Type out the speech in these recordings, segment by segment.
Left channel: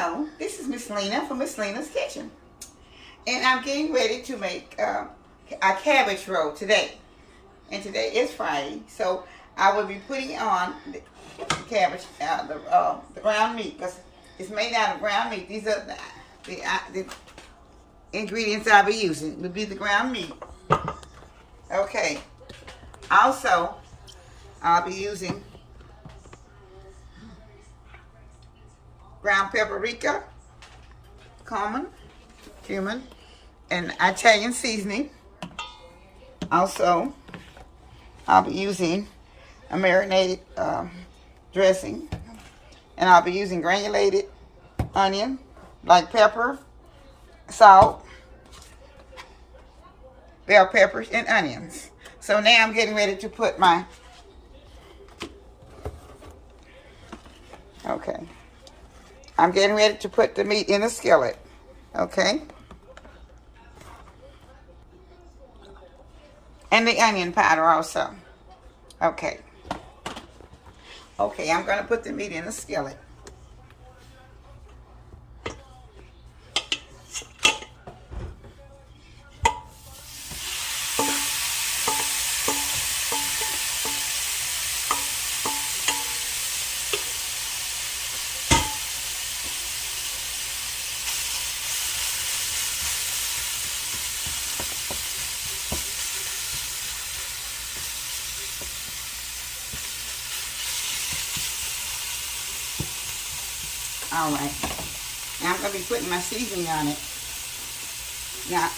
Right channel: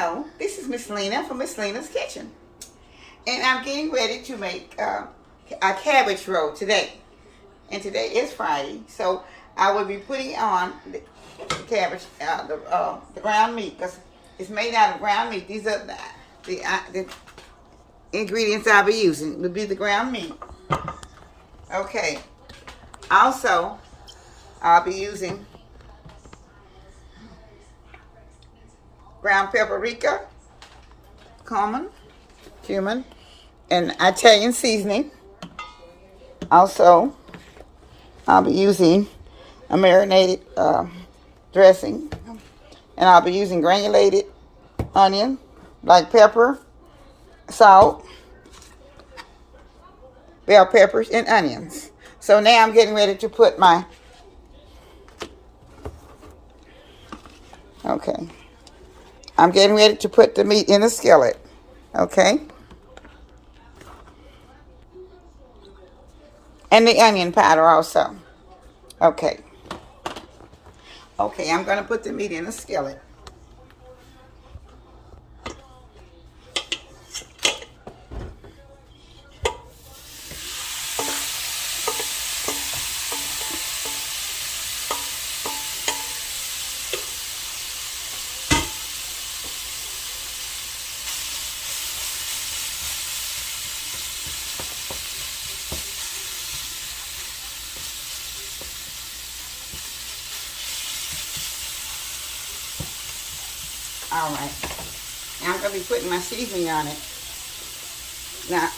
Hello, this is Miss Lena from Miss Lena's Kitchen. And I'm getting ready to make a cabbage roll today. And today is Friday, so I will be putting on the cabbage, the ground meat, because it's made out of ground meat. These are the ingredients I'll be using. Will be the ground meat. Okay. Also, I'll be using ground paprika, cumin, and Italian seasoning. Also, I'll be using a marinated dressing, and I'll be using granulated onion, black pepper, salt, bell peppers, and onions. So now I'm getting ready to put my, I'm getting ready to put the meat in the skillet, okay? And the onion powder also, okay. Okay, I'm gonna put the meat in the skillet. All right, now I'm going to be putting my seasoning on it. Now,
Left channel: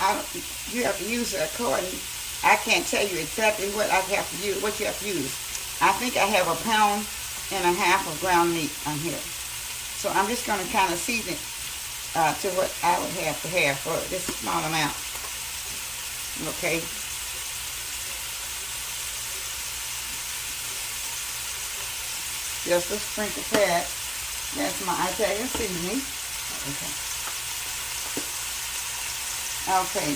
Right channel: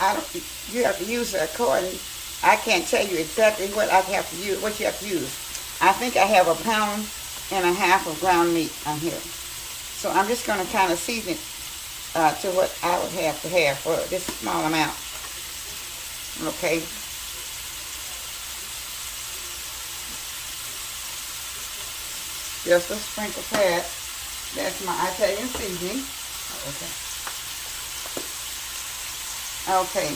you have to use it according. I can't tell you exactly what I have to use, what you have to use. I think I have 1.5 pounds of ground meat on here. So I'm just going to kind of season it to what I would have to have for this small amount. Okay. Just a sprinkle pad. That's my Italian seasoning. Okay.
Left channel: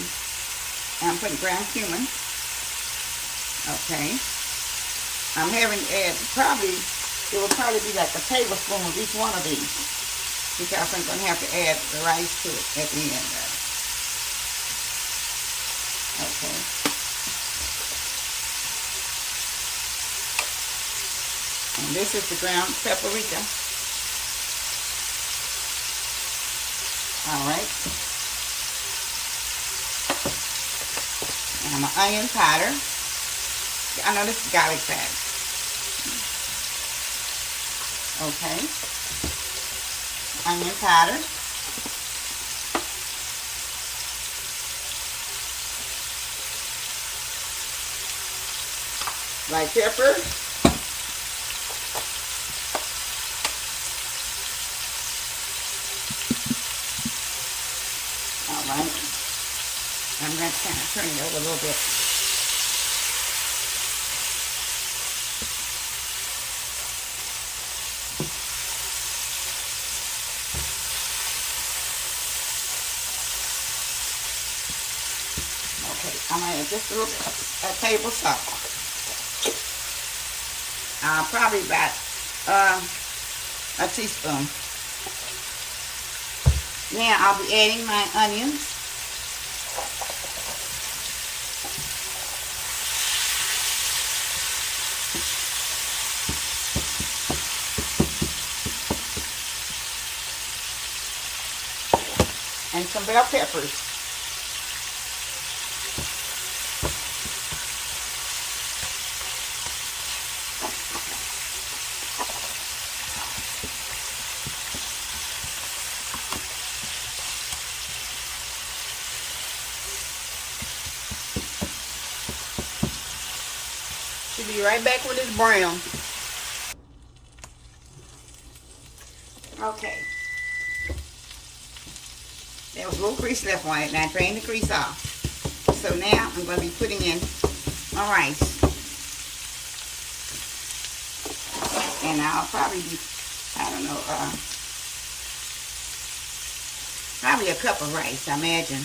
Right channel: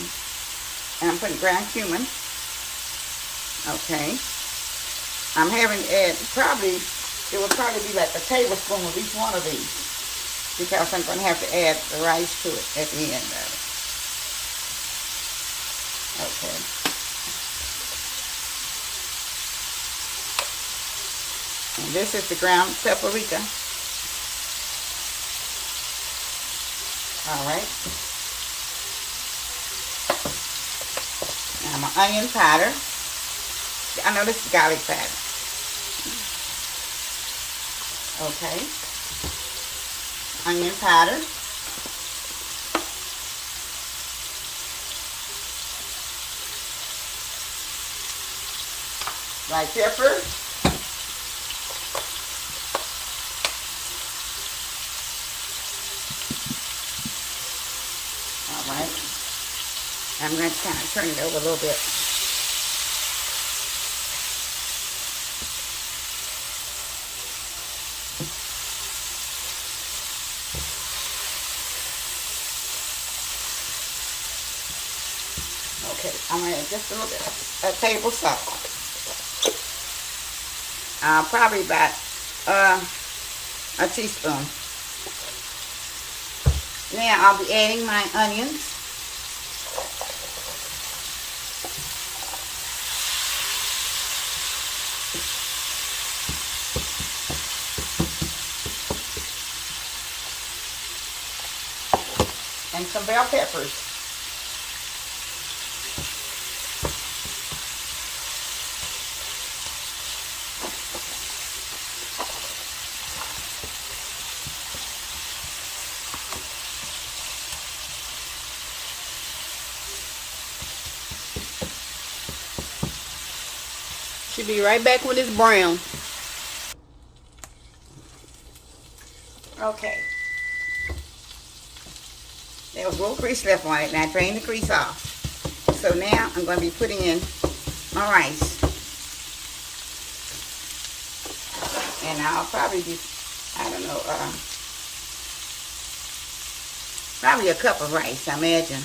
And I'm putting ground cumin. Okay. I'm having to add it would probably be like a tablespoon of each one of these, because I'm going to have to add the rice to it at the end of it. Okay. And this is the ground paprika. All right. And my onion powder. I know this is garlic powder. Okay. Onion powder. Black pepper. Alright, I'm going to kind of turn it over a little bit. Okay, I'm going to add just a little bit, a table salt. Probably about a teaspoon. Now I'll be adding my onions. And some bell peppers. Should be right back when it's brown. Okay. There was a little grease left on it, and I drained the grease off. So now I'm going to be putting in my rice. And I'll probably be, I don't know, probably a cup of rice, I imagine.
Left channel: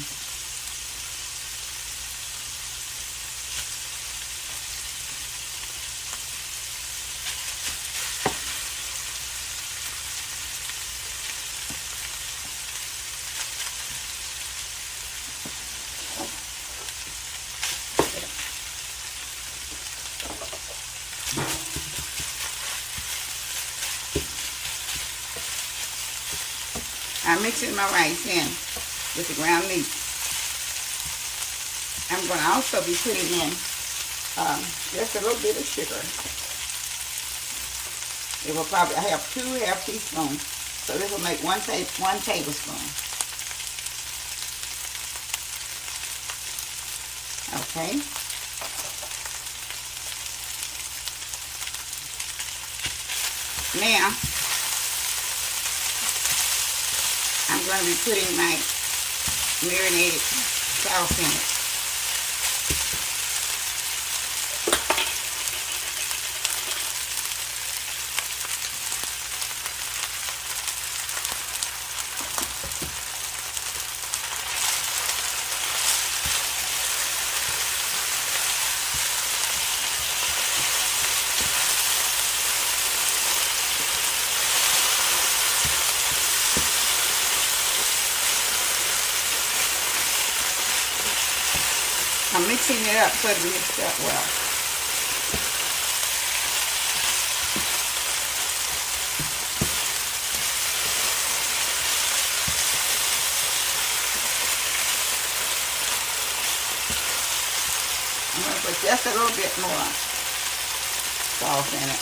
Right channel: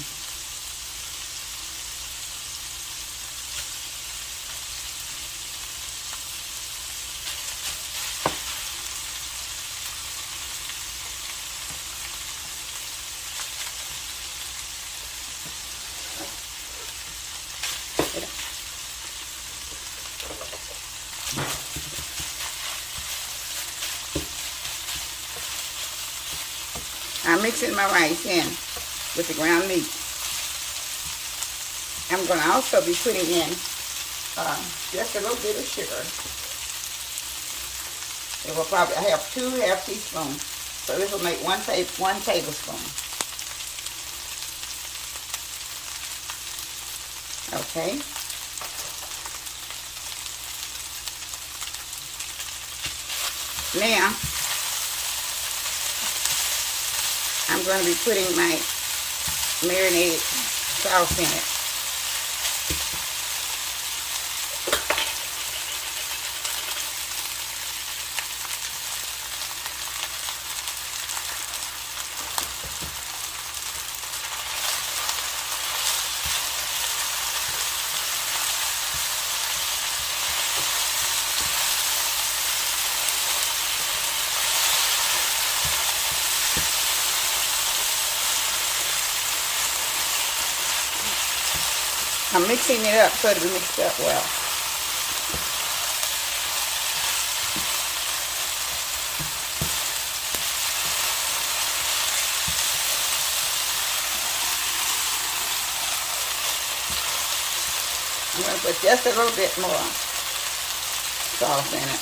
I'm mixing my rice in with the ground meat. I'm going to also be putting in just a little bit of sugar. It will probably have 2½ teaspoons. So this will make one tablespoon. Okay. Now, I'm going to be putting my marinated sauce in it. I'm mixing it up so it'll be mixed up well. I'm going to put just a little bit more sauce in it.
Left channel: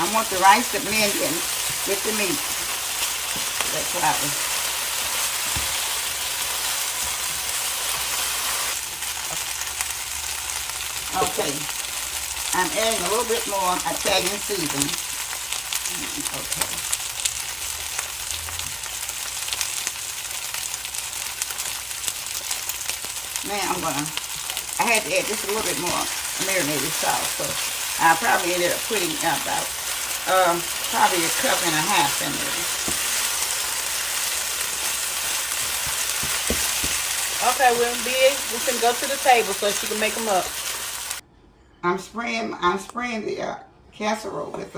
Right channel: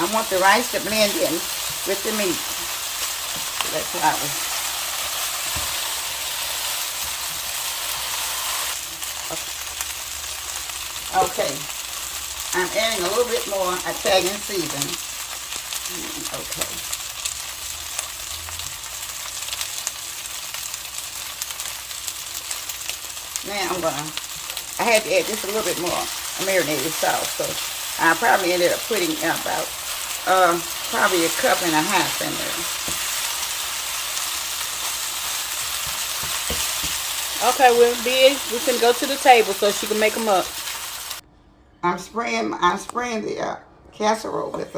I want the rice to blend in with the meat. That's right. Okay. I'm adding a little bit more Italian seasoning. Okay. Now I had to add just a little bit more marinated sauce. So I probably ended up putting about probably 1.5 cups in there. Okay, well, Big, we can go to the table so she can make them up. I'm spraying the casserole with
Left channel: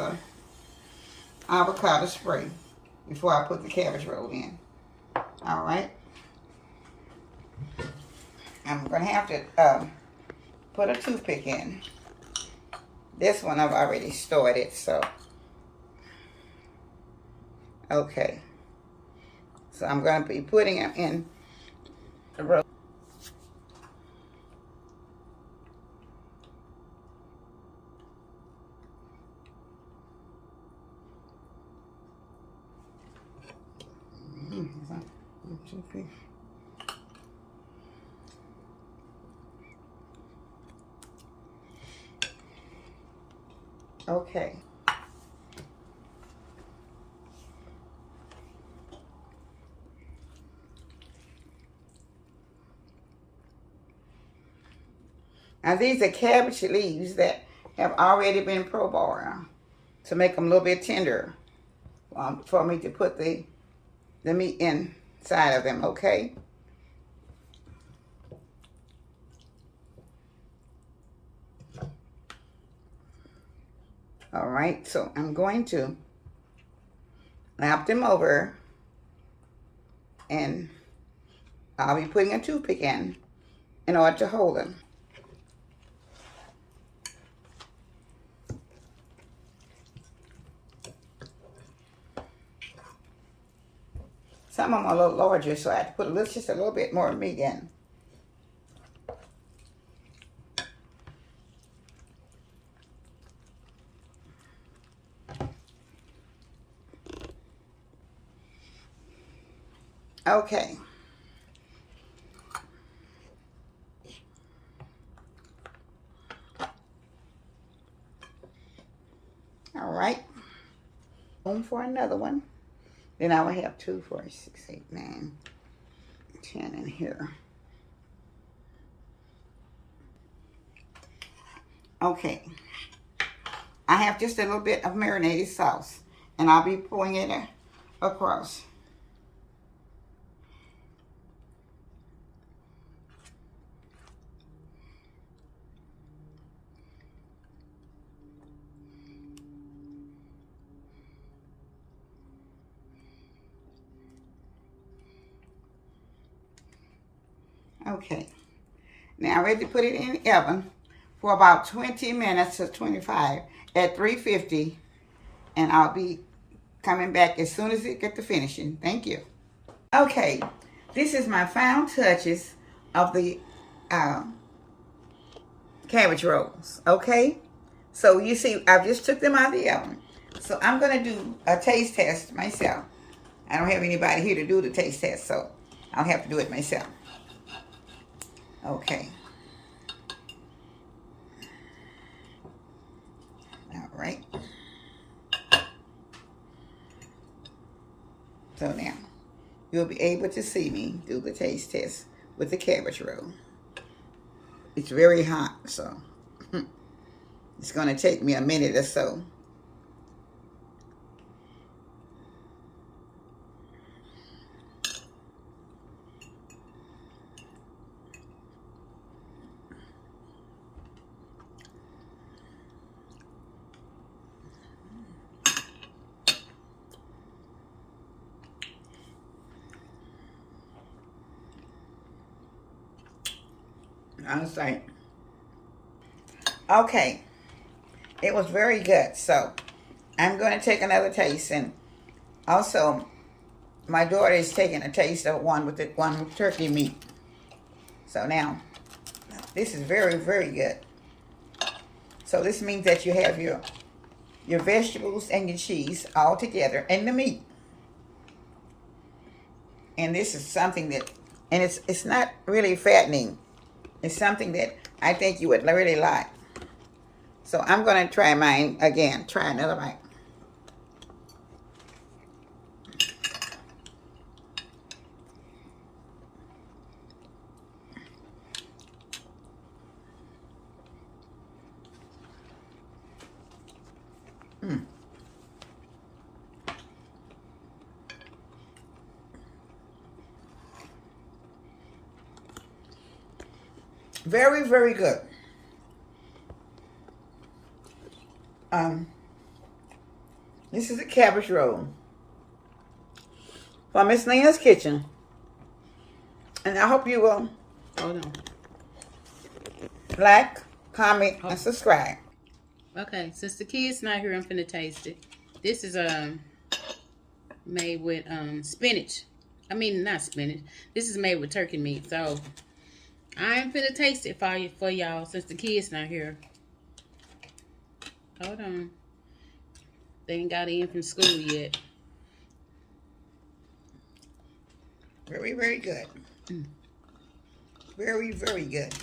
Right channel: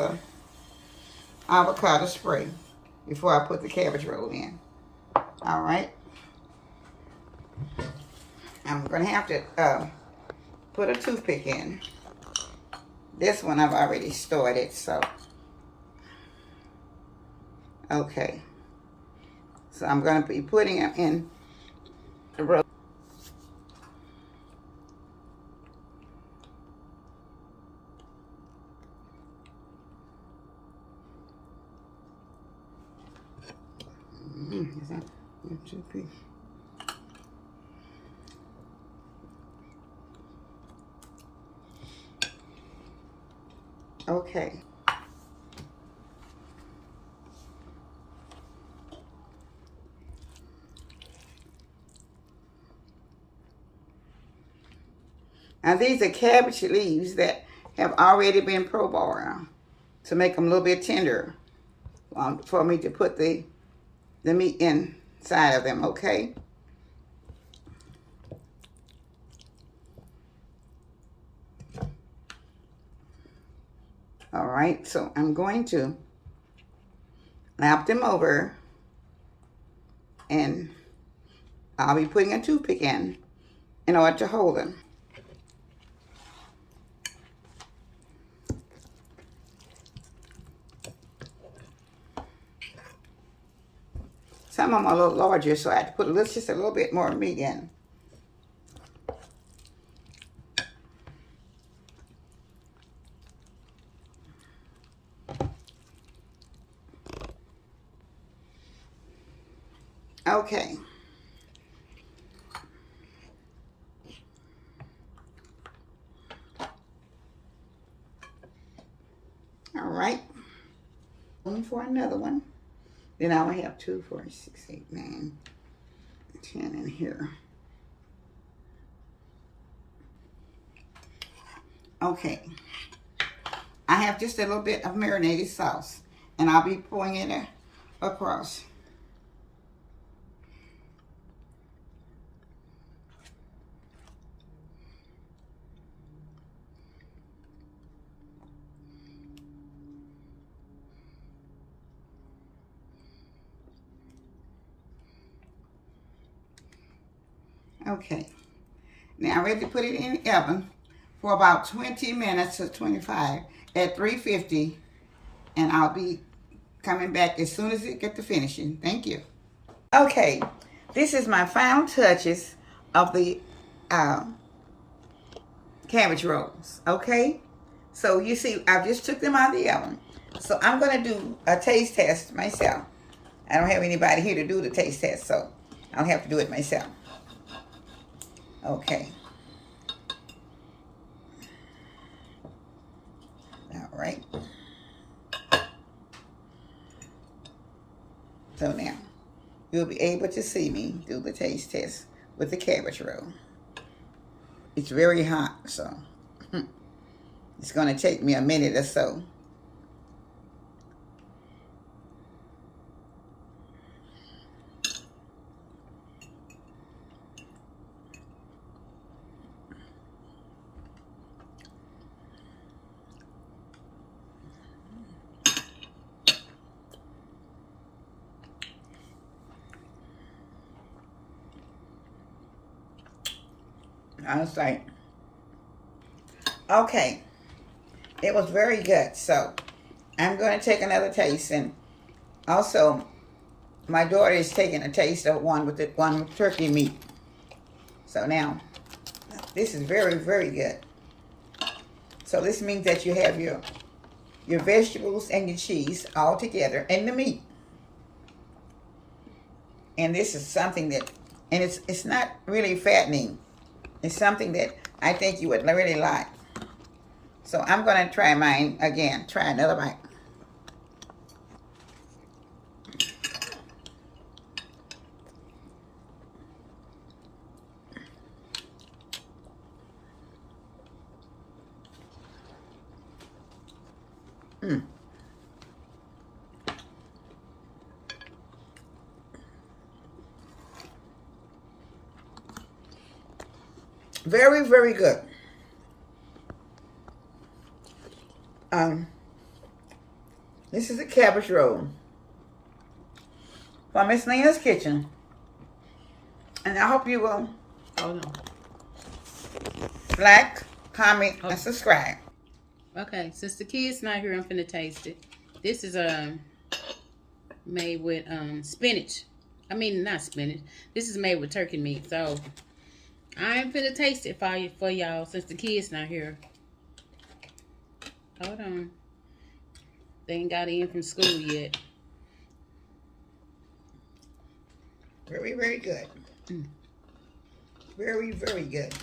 avocado spray before I put the cabbage roll in. All right. I'm gonna have to put a toothpick in. This one I've already started, so okay. So I'm gonna be putting it in the roll. Toothpick. Okay. Now these are cabbage leaves that have already been pro-boiled to make them a little bit tender for me to put the meat inside of them, okay? All right, so I'm going to lap them over and I'll be putting a toothpick in order to hold them. Some of them are a little larger, so I have to put just a little bit more meat in. Okay. All right. Room for another one. Then I will have 2, 4, 6, 8, 9, 10 in here. Okay. I have just a little bit of marinated sauce, and I'll be pouring it across. Okay. Now I'm ready to put it in the oven for about 20 minutes to 25 at 350. And I'll be coming back as soon as it gets to finishing. Thank you. Okay. This is my final touches of the cabbage rolls. Okay. So you see, I just took them out of the oven. So I'm going to do a taste test myself. I don't have anybody here to do the taste test, so I'll have to do it myself. Okay. All right. So now, you'll be able to see me do the taste test with the cabbage roll. It's very hot, so it's going to take me a minute or so. I was like, okay, it was very good. So I'm going to take another taste, and also my daughter is taking a taste of one with turkey meat. So now this is very, very good. So this means that you have your vegetables and your cheese all together and the meat. And this is something that, and it's not really fattening. It's something that I think you would really like. So I'm going to try mine again. Try another bite. Very, very good. This is a cabbage roll from Miss Lena's kitchen, and I hope you will like, comment, and subscribe. Okay, since the kids not here, I'm finna taste it. This is made with spinach. I mean, not spinach. This is made with turkey meat. So I'm finna taste it for y'all since the kids not here. Hold on. They ain't got in from school yet. Very, very good. Very, very good.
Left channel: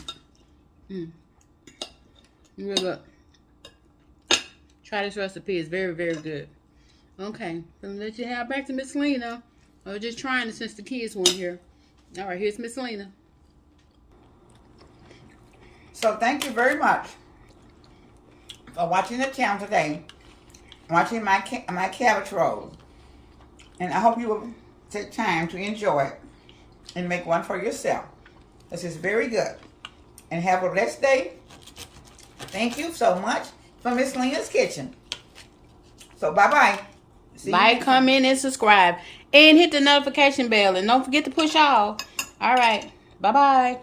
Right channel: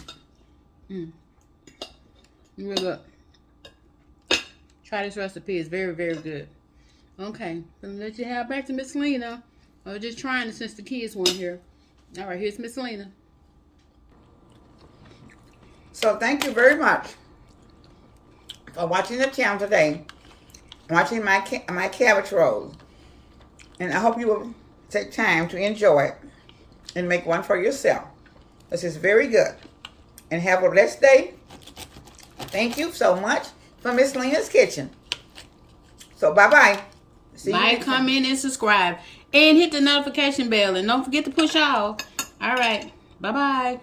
Real good. Try this recipe. It's very, very good. Okay. So let you have back to Miss Lena. I was just trying it since the kids weren't here. All right, here's Miss Lena. So thank you very much for watching the channel today, watching my cabbage roll, and I hope you will take time to enjoy it and make one for yourself. This is very good, and have a blessed day. Thank you so much from Miss Lena's kitchen. So bye-bye. Like, comment, and subscribe, and hit the notification bell, and don't forget to push all. All right, bye-bye.